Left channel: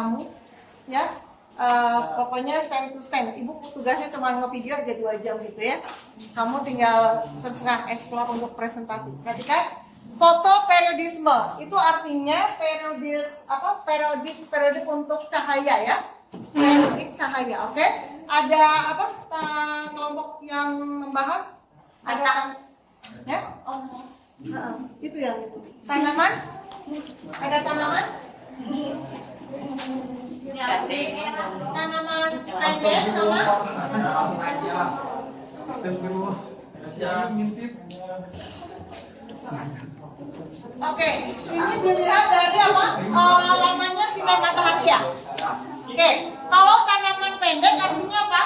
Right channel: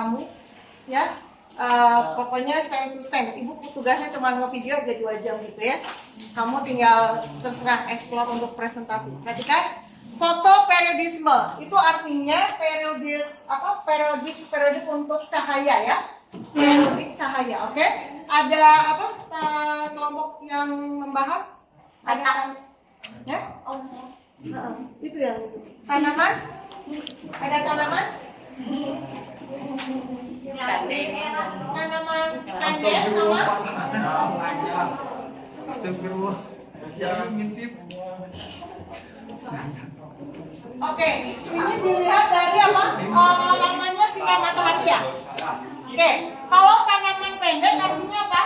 kamu, ya. Pokoknya stand to stand. Ibu tugasnya cuma nge-video aja 2 jam gitu ya. Kamu tinggal terserah explore untuk presentasi. Perhatikan, foto periodisme itu artinya periodik untuk cahaya ya. Periodik cahaya, oke? Ada apa? Kelompok yang membahas? Ada kan? Ya? Itu yang tanaman? Ada tanaman? Tanaman pendek sama oke, ini dilihat dari apa? Lamanya sinar matahari ya. Oke, kalau tanaman pendek artinya apa?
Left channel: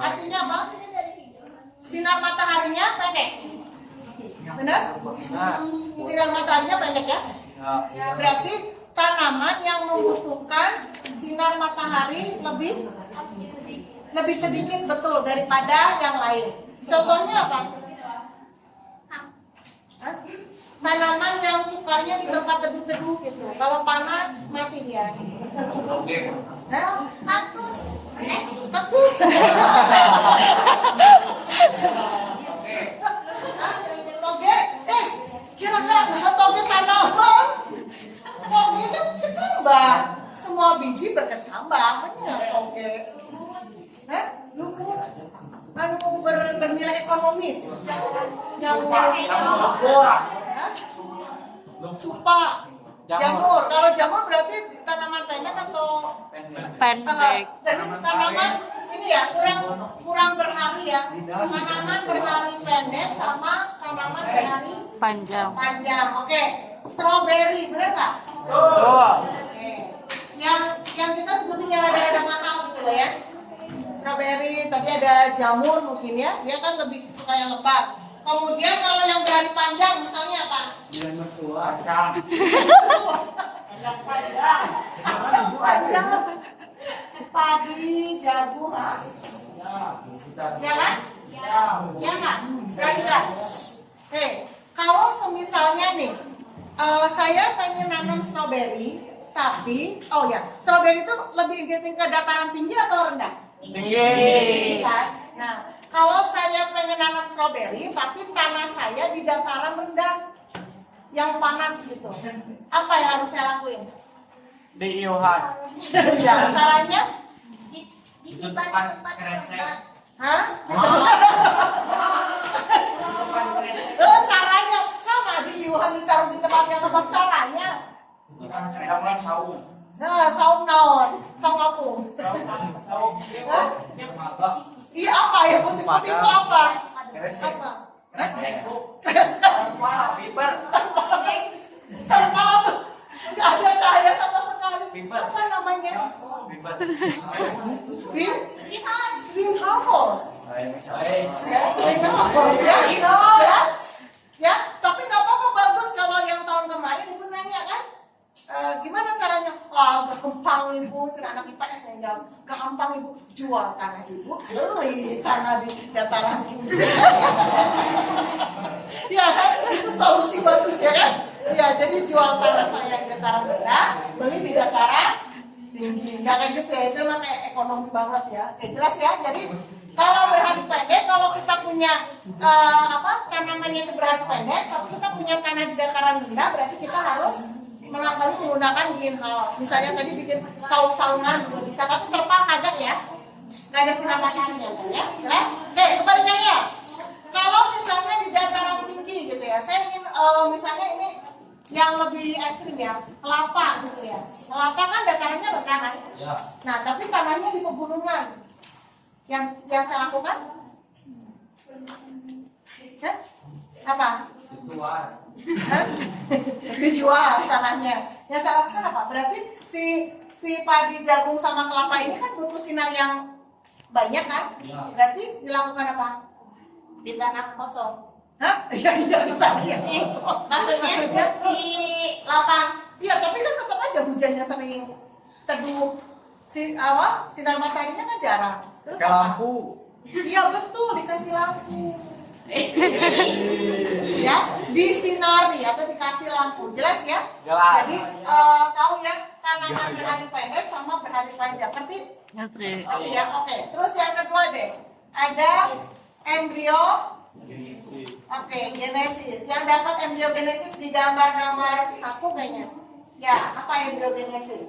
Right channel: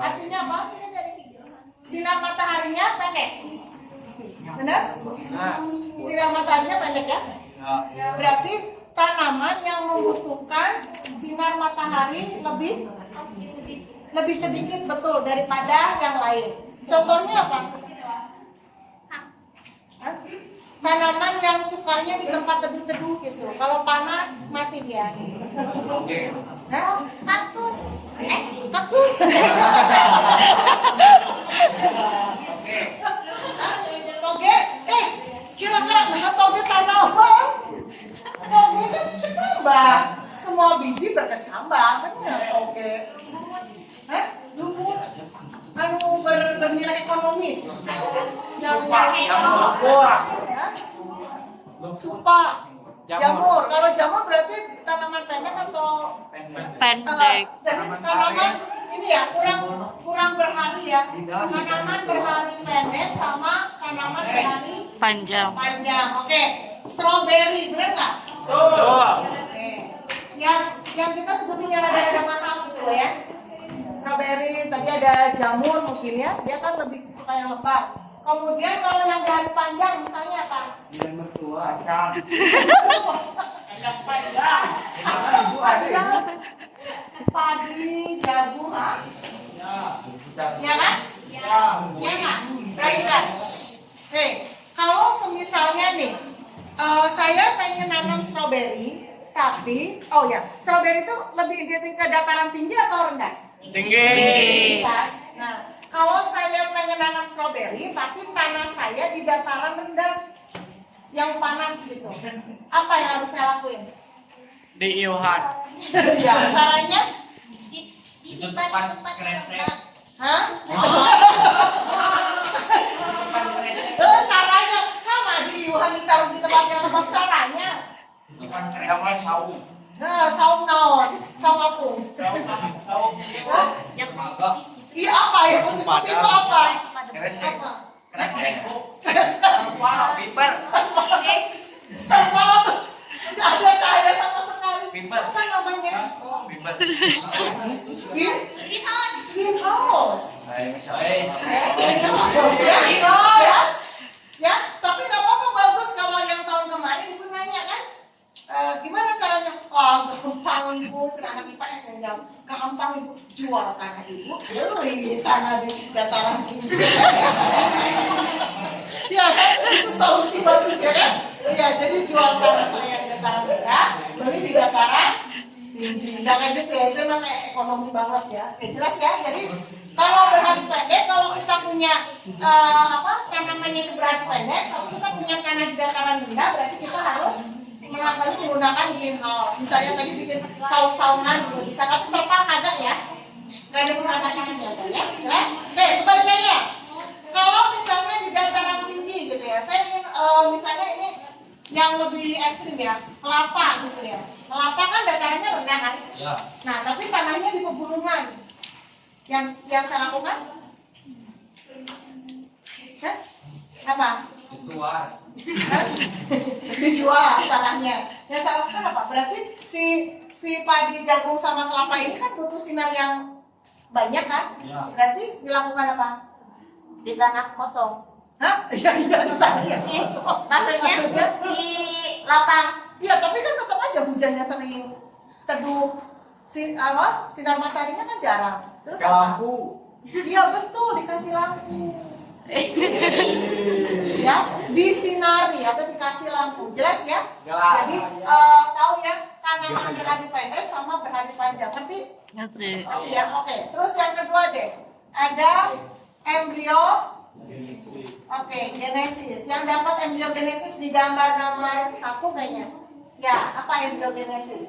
Artinya apa? Sinar mataharinya pendek. Benar? Sinar mataharinya pendek ya? Berarti tanaman yang membutuhkan sinar matahari lebih sedikit betul daripada yang lain. Contohnya apa? Tanaman yang sukanya di tempat teduh-teduh gitu. Kalau panas mati dia. Kaktus. Kaktus. Toge. Kira-kira toge tanaman. Toge kan kecambah. Semua biji berkecambah. Benar toge. Lumut. Bernilai ekonomis. Yang supa, jamur. Kalau jamur berarti tanaman pendek atau pendek? Jadi tanaman ini ya kurang berhari ya. Tanaman berhari pendek sama tanaman berhari panjang. Oke. Strawberry benar nggak? Oke. Yang kita sebutin yang ada mahal gitu loh ya. Strawberry, tadi ada jamur mungkin ya. Dia kan lebih suka yang lebat. Kemudian kalau yang berhari panjang misalnya apa? Kacang. Kacang panjang. Padi, jagung, ya kan? Ya nggak? Perhatikan. Kalau semisalnya nih, saya pengen nanam strawberry, tapi, strawberry itu lebih identik ke dataran tinggi atau rendah? Tinggi. Nah, kalau saya pengen nanam strawberry, tapi tanah saya di dataran rendah, yang panas gitu, apa yang harus saya lakuin? Diiuhan. Ya, caranya? Disimpan di tempat yang rendah. Hah? Caranya sama, diiuhan ditaruh di tempat yang rendah. Caranya? Saung. Saung naon? Saung apa? Saung. Yang maga. Iya apa ya? Putih-putih itu apa? Apa? Piper. Tidak ada cahaya sama sekali. Piper. Apa namanya? Piper. Greenhouse. Ya, tapi nggak apa-apa, bagus kalau yang tahun kemarin ibu nanya kan? Gimana caranya? Gampang ibu, anak IPS yang jawab. Gampang ibu, jual tanah ibu, beli tanah di dataran tinggi. Ya, itu solusi bagus ya kan? Ya, jadi jual tanah saya di dataran rendah, beli di dataran tinggi. Jangan gitu ya, itu memang ekonomi banget ya. Jelas ya. Jadi kalau berhari pendek, kalau kita punya tanamannya itu berhari pendek, kalau kita punya tanah di dataran rendah, berarti kita harus menggunakan greenhouse. Misalnya tadi bikin saung-saungan gitu bisa, tapi terpal kagak ya, nggak ada sinar mataharinya ya. Jelas? Oke, kebalikannya. Kalau misalnya di dataran tinggi gitu ya, saya ingin misalnya ini yang lebih ekstrim ya, kelapa gitu ya. Kelapa kan datarannya rendah kan? Ya. Nah, tapi tanahnya di pegunungan. Yang saya lakukan? Apa? Dijual tanahnya. Yang saya lakukan apa? Berarti si padi, jagung sama kelapa ini kan butuh sinar yang banyak kan? Ya. Berarti dilakukan apa? Di tanah kosong. Hah? Iya, di tanah yang kosong. Maksudnya di lapang. Iya, tapi kan tetap aja hujannya sering teduh. Sinar mataharinya kan jarang. Terus lampu. Iya betul, dikasih lampu. Ya, disinari atau dikasih lampu, jelas ya? Jadi tahu ya, kanangan berhari pendek sama berhari panjang, ngerti? Oke. Oh iya, oke. Terus yang kedua deh, ada embrio. Oke, genesis. Yang dapat embryogenesis di gambar nomor 1 kayaknya. Ya, apa embryogenesis?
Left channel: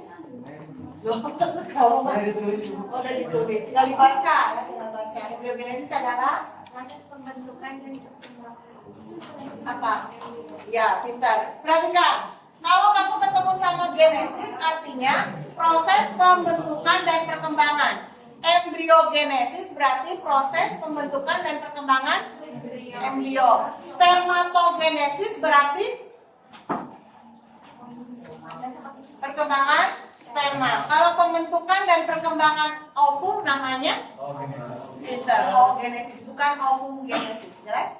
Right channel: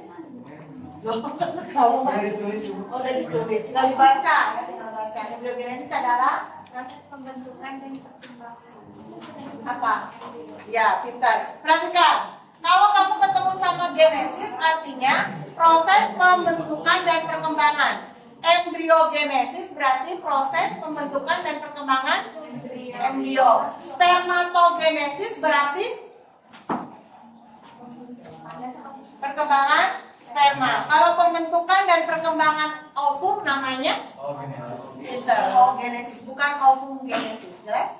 Udah ditulis. Udah ditulis. Tinggal dibaca ya, tinggal baca. Embryogenesis adalah pembentukan dan perkembangan. apa? Ya, pintar. Perhatikan. Kalau kamu ketemu sama genesis, artinya proses pembentukan dan perkembangan. Embryogenesis berarti proses pembentukan dan perkembangan embrio. Spermatogenesis berarti perkembangan sperma. Kalau pembentukan dan perkembangan ovum namanya oogenesis, bukan ovugenesis. Jelas?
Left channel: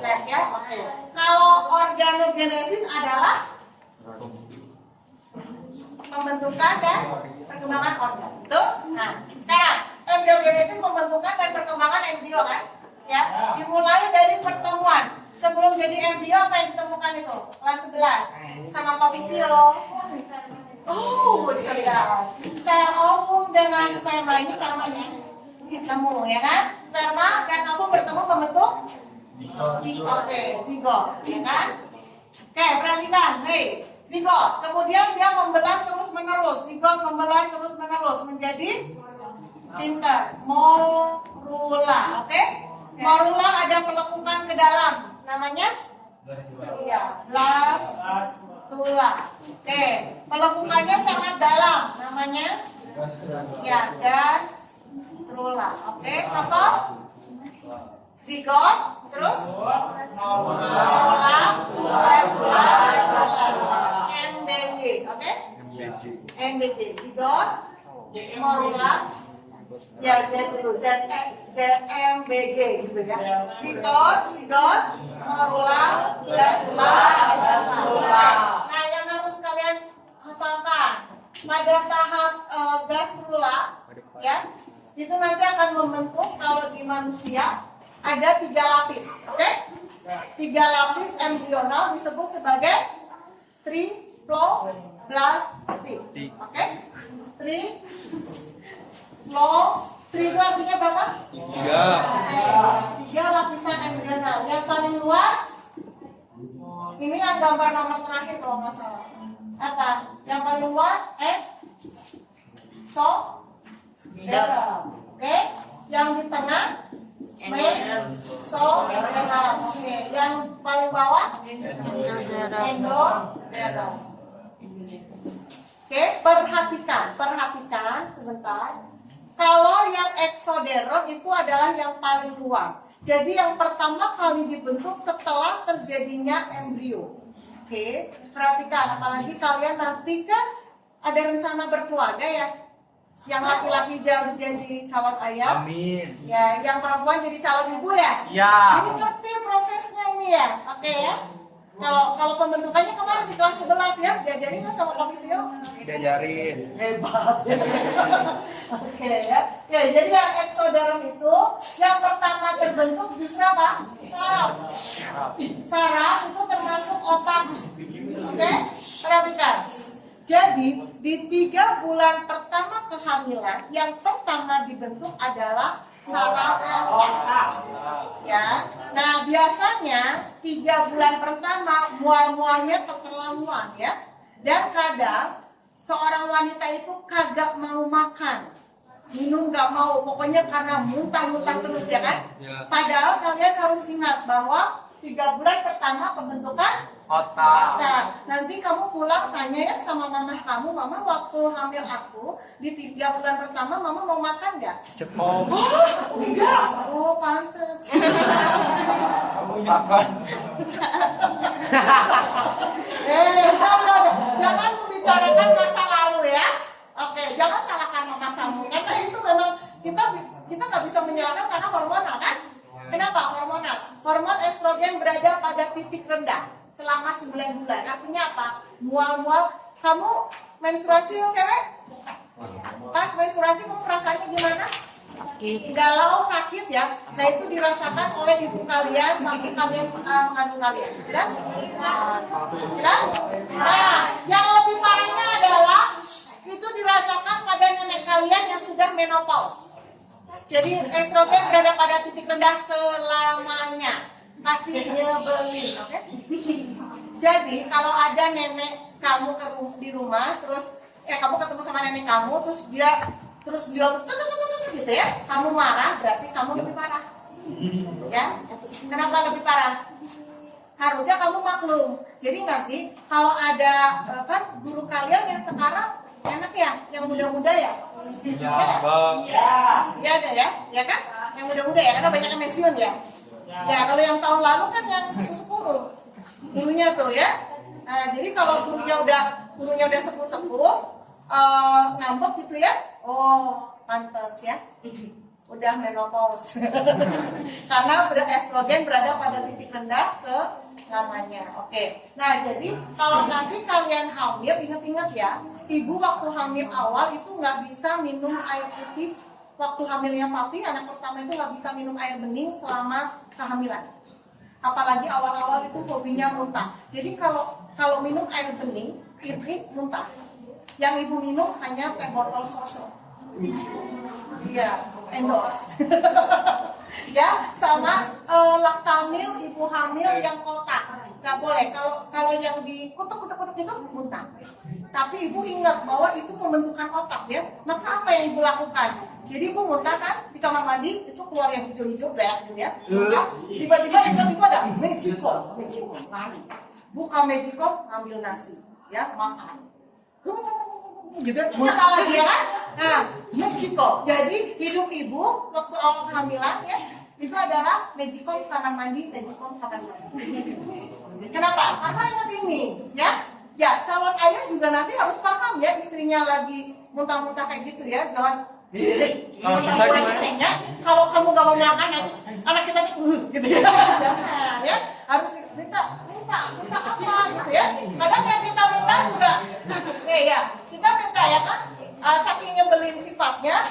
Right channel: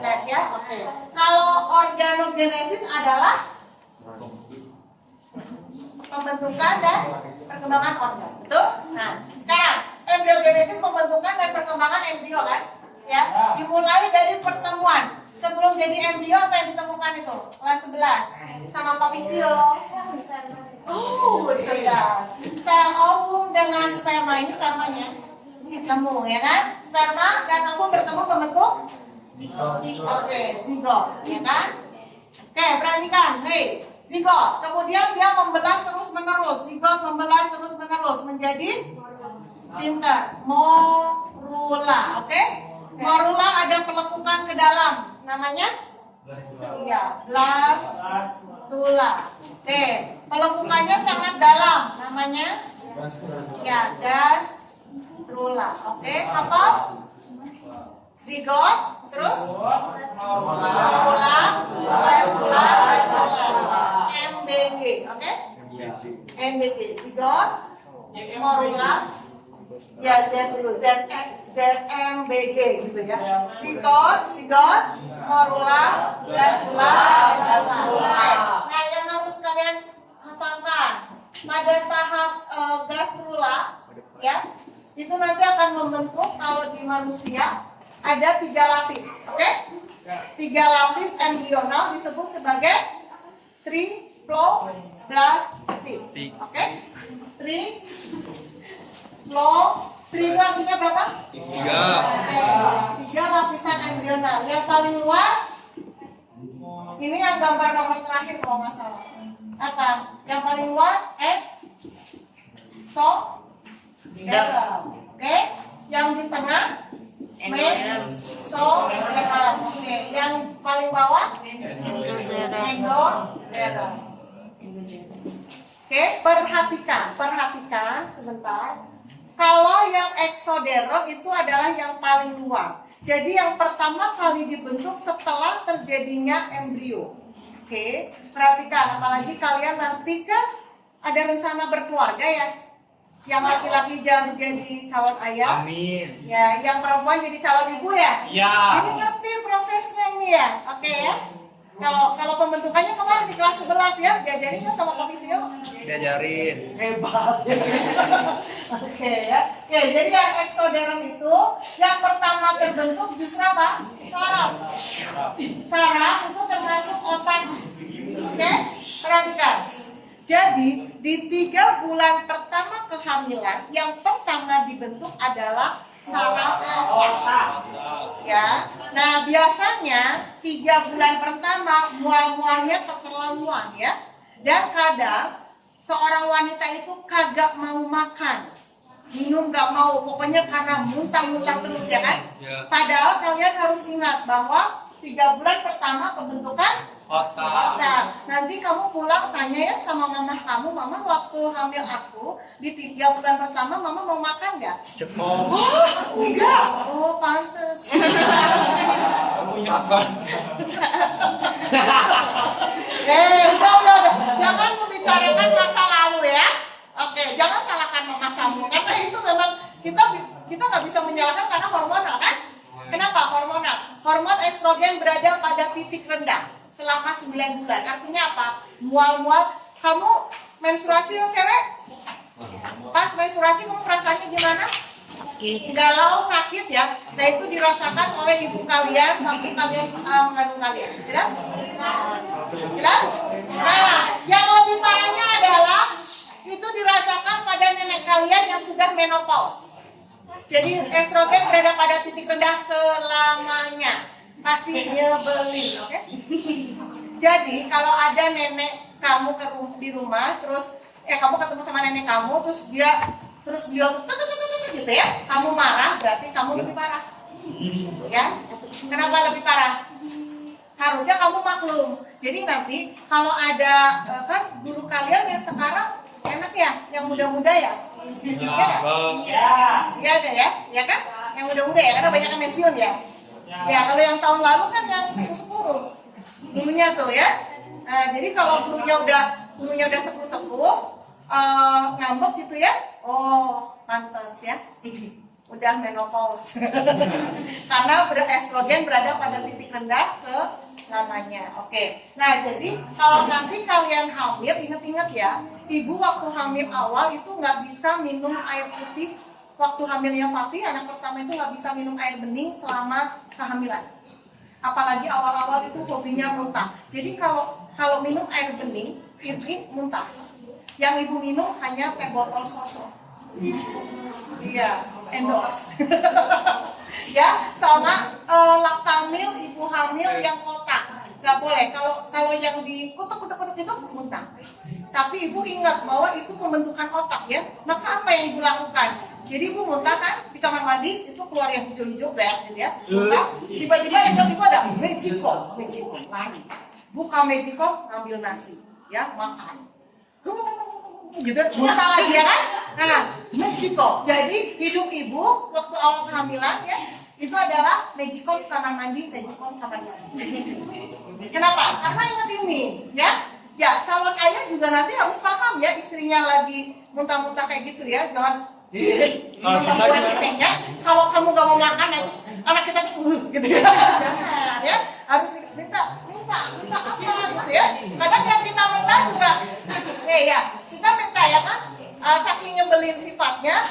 Jelas ya? Oke. Kalau organogenesis adalah pembentukan dan perkembangan organ. Betul? Nah, sekarang embryogenesis pembentukan dan perkembangan embrio kan? Ya, dimulai dari pertemuan. Sebelum jadi embrio apa yang ditemukan itu? Kelas 11 sama Pak Pipio. Oh, cerdas. Sel ovum dengan sperma, ini spermanya ketemu ya kan? Sperma dan ovum bertemu membentuk zigot, ya kan? Oke, perhatikan, hei, zigot. Kemudian dia membelah terus menerus, zigot membelah terus menerus menjadi pinter, morula, oke? Morula ada pelekukan ke dalam, namanya? Iya, blastula. Oke, pelekukannya sangat dalam, namanya? Ya, gastrula. Oke, apa? Zigot, terus? Morula, blastula, MBG, oke? MBG, zigot, morula, ya Z dulu, ZMBG gitu ya. Zigot, morula, blastula, gastrula. Nah, yang harus kalian hafalkan pada tahap gastrula, ya, itu nanti akan membentuk kalau di manusia ada 3 lapis, oke? 3 lapis embrional disebut sebagai triploblastik, oke? Tri itu artinya berapa? 3 lapisan embrional. Yang paling luar, ini yang gambar nomor terakhir kalau nggak salah. Apa? Yang paling luar mesoderm, oke? Yang di tengah mesoderm, oke? Yang paling bawah endoderm. Oke, perhatikan sebentar. Kalau yang eksoderm itu adalah yang paling luar. Jadi yang pertama kali dibentuk setelah terjadinya embrio. Oke, perhatikan. Apalagi kalian nanti kan ada rencana berkeluarga ya. Yang laki-laki jadi calon ayah. Amin. Ya, yang perempuan jadi calon ibu ya. Ya. Jadi ngerti prosesnya ini ya. Oke ya. Kalau pembentukannya kemarin di kelas 11 ya, diajarin nggak sama Pak Tio? Diajarin. Hebat. Oke ya. Oke, jadi yang eksoderm itu yang pertama terbentuk justru apa? Saraf. Saraf itu termasuk otak. Oke, perhatikan. Jadi di 3 bulan pertama kehamilan yang pertama dibentuk adalah saraf otak. Ya. Nah, biasanya 3 bulan pertama mual-mualnya keterlaluan ya. Dan kadang seorang wanita itu kagak mau makan, minum gak mau, pokoknya karena muntah-muntah terus ya kan? Padahal kalian harus ingat bahwa 3 bulan pertama pembentukan otak. Nanti kamu pulang tanya ya sama mama kamu, mama waktu hamil aku di 3 bulan pertama mama mau makan nggak? Cepol. Oh enggak, oh pantes. Kamu makan. Udah. Jangan membicarakan masa lalu ya. Oke, jangan salahkan mama kamu karena itu memang kita nggak bisa menyalahkan karena hormonal kan? Kenapa hormonal? Hormon estrogen berada pada titik rendah selama 9 bulan. Artinya apa? Mual-mual. Kamu menstruasi yang cewek? Pas menstruasi kamu perasaannya gimana? galau, sakit ya. Nah itu dirasakan oleh ibu kalian waktu kalian mengandung kalian. Jelas? Jelas? Nah, yang lebih parahnya adalah itu dirasakan pada nenek kalian yang sudah menopause. Jadi estrogen berada pada titik rendah selamanya. Pasti nyebelin, oke? Jadi kalau ada nenek kamu di rumah, terus kamu ketemu sama nenek kamu, terus beliau gitu ya, kamu marah, berarti kamu lebih parah. Ya, kenapa lebih parah? Harusnya kamu maklum. Jadi nanti kalau ada kan guru kalian yang sekarang enak ya, yang muda-muda ya. Iya ada ya, ya kan? Yang muda-muda ya, karena banyak yang pensiun ya. Ya kalau yang tahun lalu kan yang sepuh-sepuh gurunya tuh ya. Jadi kalau gurunya udah sepuh-sepuh, ngambek gitu ya. Oh, pantas ya. Udah menopause. Karena estrogen berada pada titik rendah selamanya. Oke. Nah, jadi kalau nanti kalian hamil, ingat-ingat ya, ibu waktu hamil awal itu nggak bisa minum air putih. Waktu hamilnya Fatih, anak pertama itu nggak bisa minum air bening selama kehamilan. Apalagi awal-awal itu hobinya muntah. Jadi kalau minum air bening, ini muntah. Yang ibu minum hanya teh botol sosok. Iya, endorse. Ya, sama laktamil ibu hamil yang kotak. Nggak boleh. Kalau yang dikutuk-kutuk itu muntah. Tapi ibu ingat bahwa itu pembentukan otak ya. Maka apa yang ibu lakukan? Jadi ibu muntah kan di kamar mandi itu keluar yang hijau-hijau black gitu ya. Muntah. Tiba-tiba yang ketiba ada Magicom, lari. Buka Magicom, ngambil nasi, ya makan. Gitu, muntah lagi ya kan? Nah, Magicom. Jadi hidup ibu waktu awal kehamilan ya itu adalah Magicom kamar mandi, Magicom kamar mandi. Kenapa? Karena ingat ini, ya. Ya, calon ayah juga nanti harus paham ya, istrinya lagi muntah-muntah kayak gitu ya, jangan buat kitanya. Kalau kamu gak mau makan nanti anak kita gitu ya, jangan ya, harus minta apa gitu ya. Kadang yang kita minta juga, ya kita minta ya kan, saking nyebelin sifatnya,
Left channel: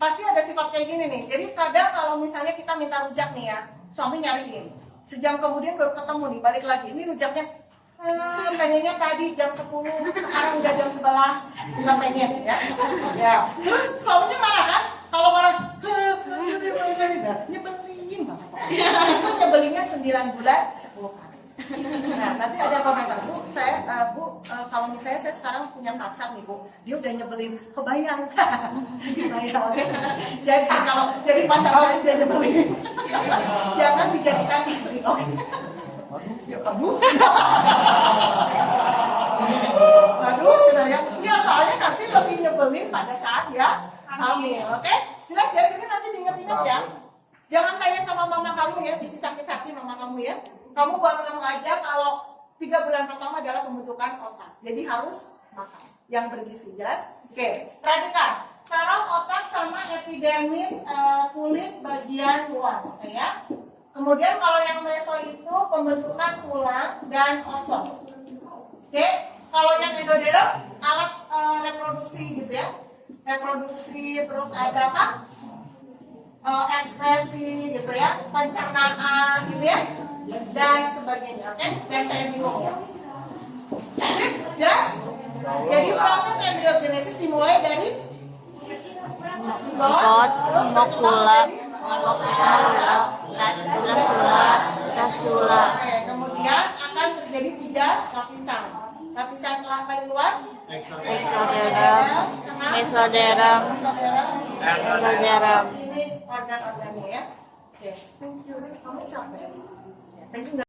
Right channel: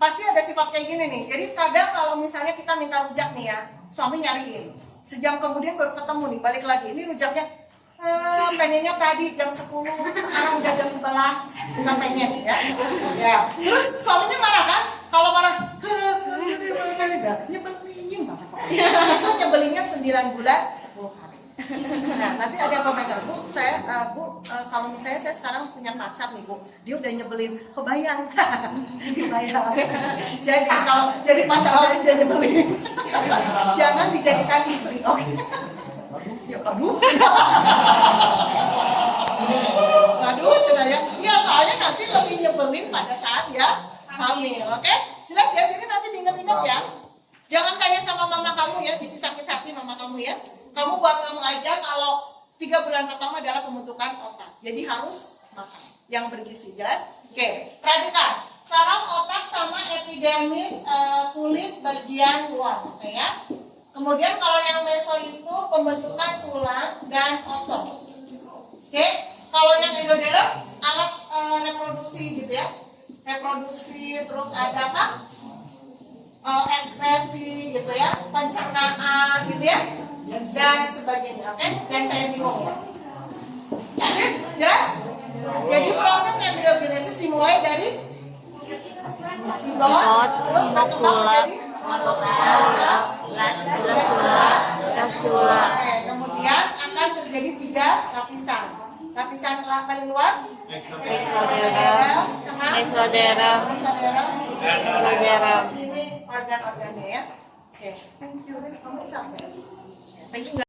pasti ada sifat kayak gini nih. Jadi kadang kalau misalnya kita minta rujak nih ya, suami nyariin, sejam kemudian baru ketemu nih, balik lagi, ini rujaknya. Pengennya tadi jam 10, sekarang udah jam 11, nggak pengen ya. Ya, terus suaminya marah kan? Kalau marah, nyebelin banget. Itu nyebelinnya 9 bulan 10 hari. Nah, nanti ada yang komentar, Bu, kalau misalnya saya sekarang punya pacar nih Bu, dia udah nyebelin, kebayang. Jadi kalau jadi pacar lain dia nyebelin, jangan dijadikan istri, oke? Ya, aduh, sudah ya. Ya, soalnya nanti lebih nyebelin pada saat ya hamil, oke? Jelas ya, jadi nanti diingat-ingat ya. Jangan kayak sama mama kamu ya, bisa sakit hati mama kamu ya. Kamu buat kamu aja kalau 3 bulan pertama adalah pembentukan otak. Jadi harus makan yang bergizi, jelas? Oke, perhatikan. Saraf otak sama epidermis kulit bagian luar, oke ya? Kemudian kalau yang meso itu pembentukan tulang dan otot. Oke, kalau yang endoderm alat reproduksi gitu ya. Reproduksi, terus ada apa? Ekspresi gitu ya, pencernaan gitu ya. Dan sebagainya, oke? Dan saya bingung ya. Jelas? Jadi proses embriogenesis dimulai dari zigot, terus berkembang dari gastrula. Kemudian akan terjadi 3 lapisan. Lapisan paling luar, mesoderm, endoderm. Ini organ-organnya ya. Oke. Thank you. Kamu capek. Thank you.